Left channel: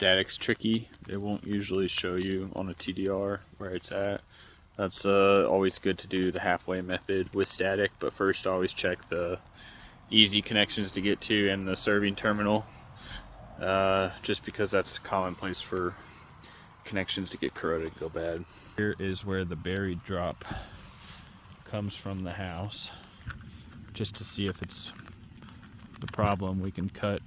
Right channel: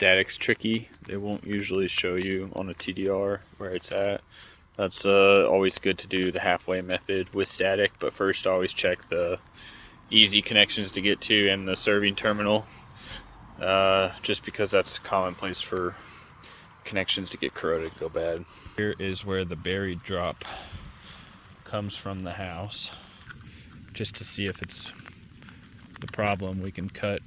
static's tricky. It won't usually show you on a TDR where it's at. That's always good to do the halfway method with static, but first always check the easy connections to get to and the serving terminal, just because that's a common place for connections to get corroded, go bad. Here is where the buried drop comes from the house. Just to see if it's the problem, we can cut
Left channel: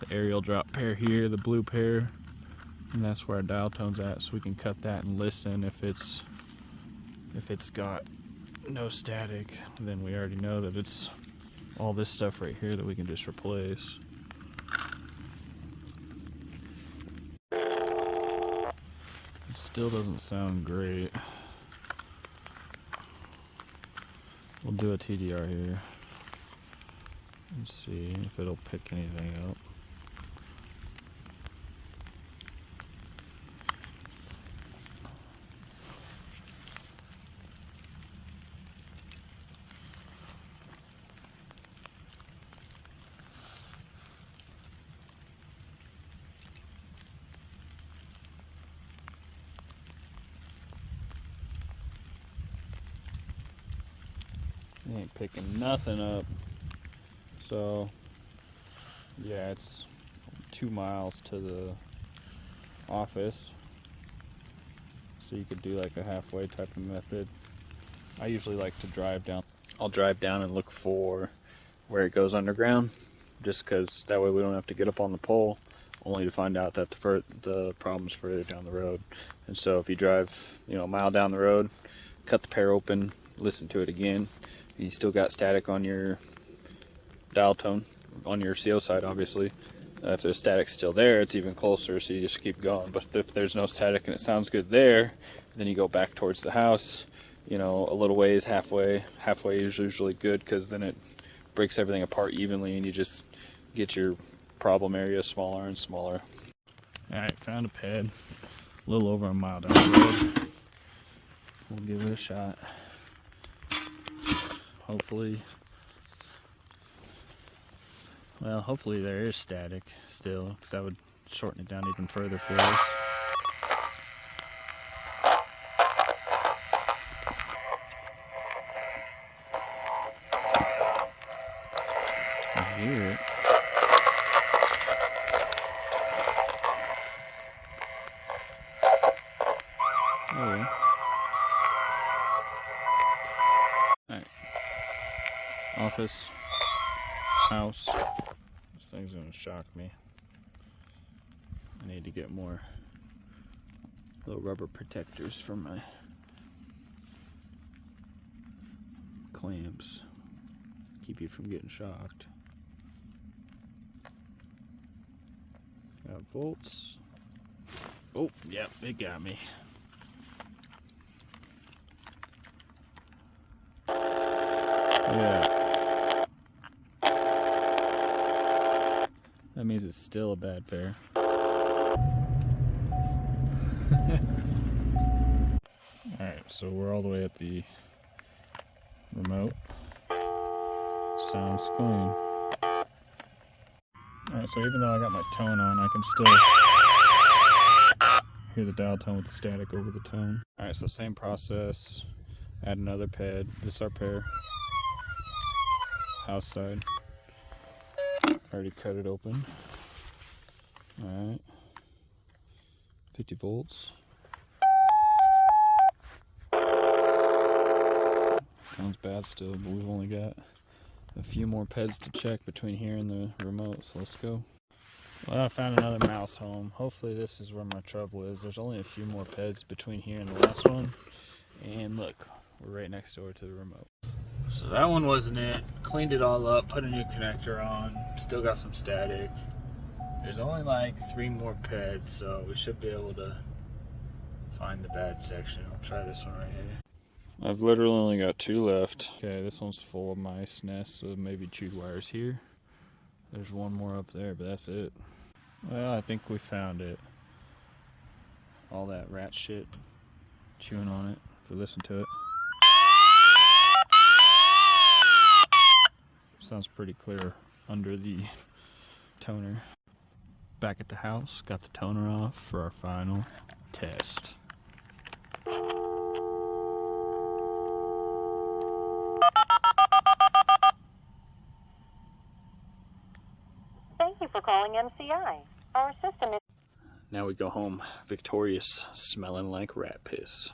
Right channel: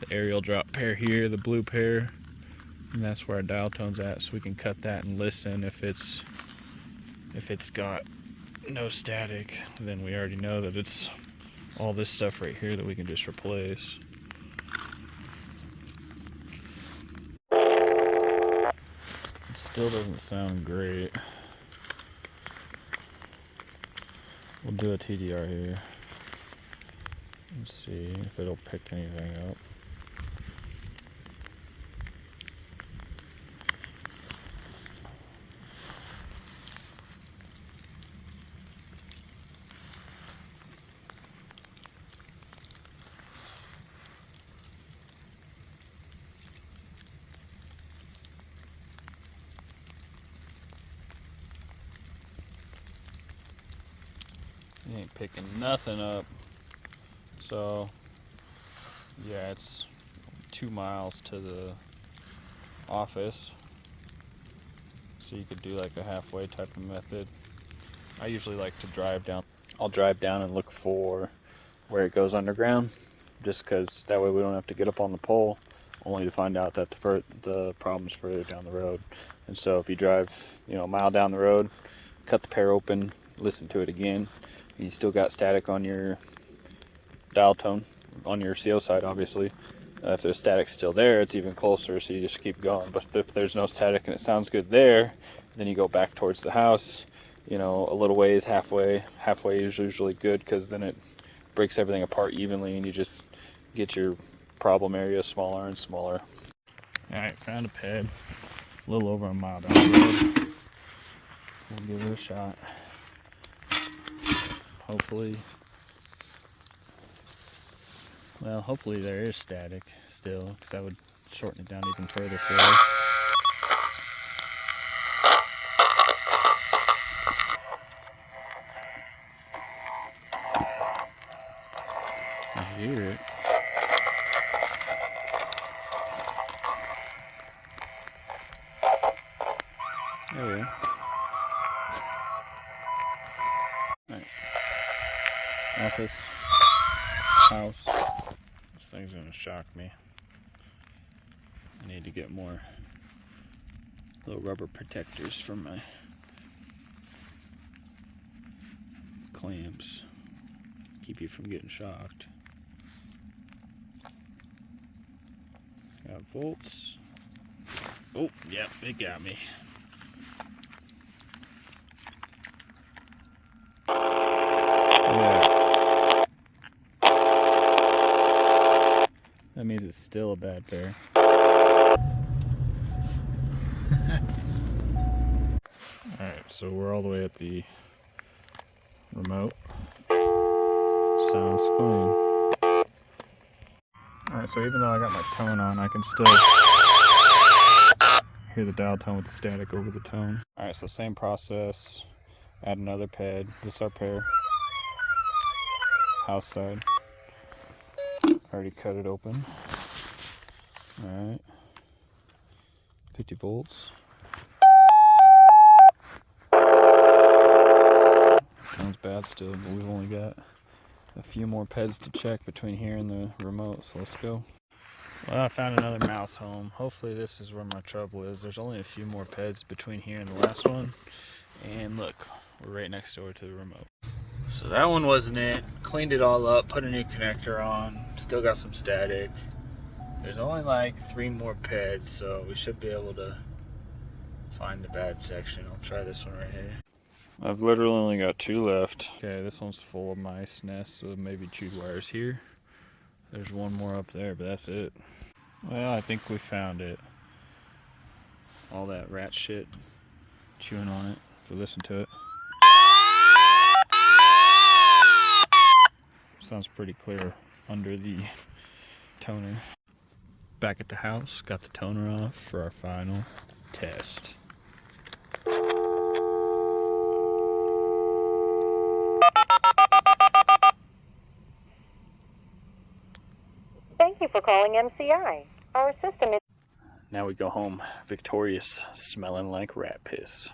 the aerial drop pair here, the blue pair, and that's where our dial tone's at, so we can cut that and listen. If it's got no static, then we already know that it's all this stuff right here that we can just replace. It still doesn't sound great. We'll do a TDR here. Let's see if it'll pick anything up. It ain't picking nothing up. So yeah, it's 2 miles to the office, so you could do like a halfway type of method. I usually like to drive down. I'll drive down and look for where it goes underground, just because that way we don't have to get up on the pole, only to find out that the problem's further down the road. And so if you drive, a mile down the road, cut the pair open, listen to it again, and you still got static on your dial tone, on your CO side obviously. If the static's still there, it's even closer, so you just keep going. But if there's no static and it sounds good there, then you go back towards the house, a little ways, halfway is usually good, because then it breaks everything apart evenly and you just get your problem area smaller and smaller. Alright, found a ped, a little over a mile down the road. We'll give it a shot. Hopefully there is static still, because that would shorten it down even further for us. I hear it. Oh yeah. Alright. Office. House. This thing's gonna shock me. I need to get more little rubber protectors for my clamps. Keep you from getting shocked. Got volts. Oh, yep, it got me. Yeah. That means it's still a bad pair. Alright, so we're all the way at the remote. Sounds clean. Alright, so even though I got my tone on, I can still hear the dial tone with the static over the tone. Alright, so same process. Add another ped. This is our pair. House side. Already cut it open. Alright. 50 volts. Sounds bad still, but we've only got a few more peds to check between here and the remote, so let's go. Well, I found another mouse home. Hopefully this is where my trouble is. There's only a few more peds between here and the last one. And look, we're right next door to the remote. So that one wasn't it. Cleaned it all up, put a new connector on. Still got some static. There's only like 3 more peds, so we should be able to find the bad section. I'll try this one right here. I've literally only got 2 left. Okay, this one's full of mice nests with maybe chewed wires here. There's one more up there, but that's it. Well, I think we found it. All that rat shit chewing on it, if we listen to it. Sounds pretty clear under the toner. Back at the house, got the toner off for our final test. Thank you for calling MCI. Our system is... Now we go home victorious, smelling like rat piss.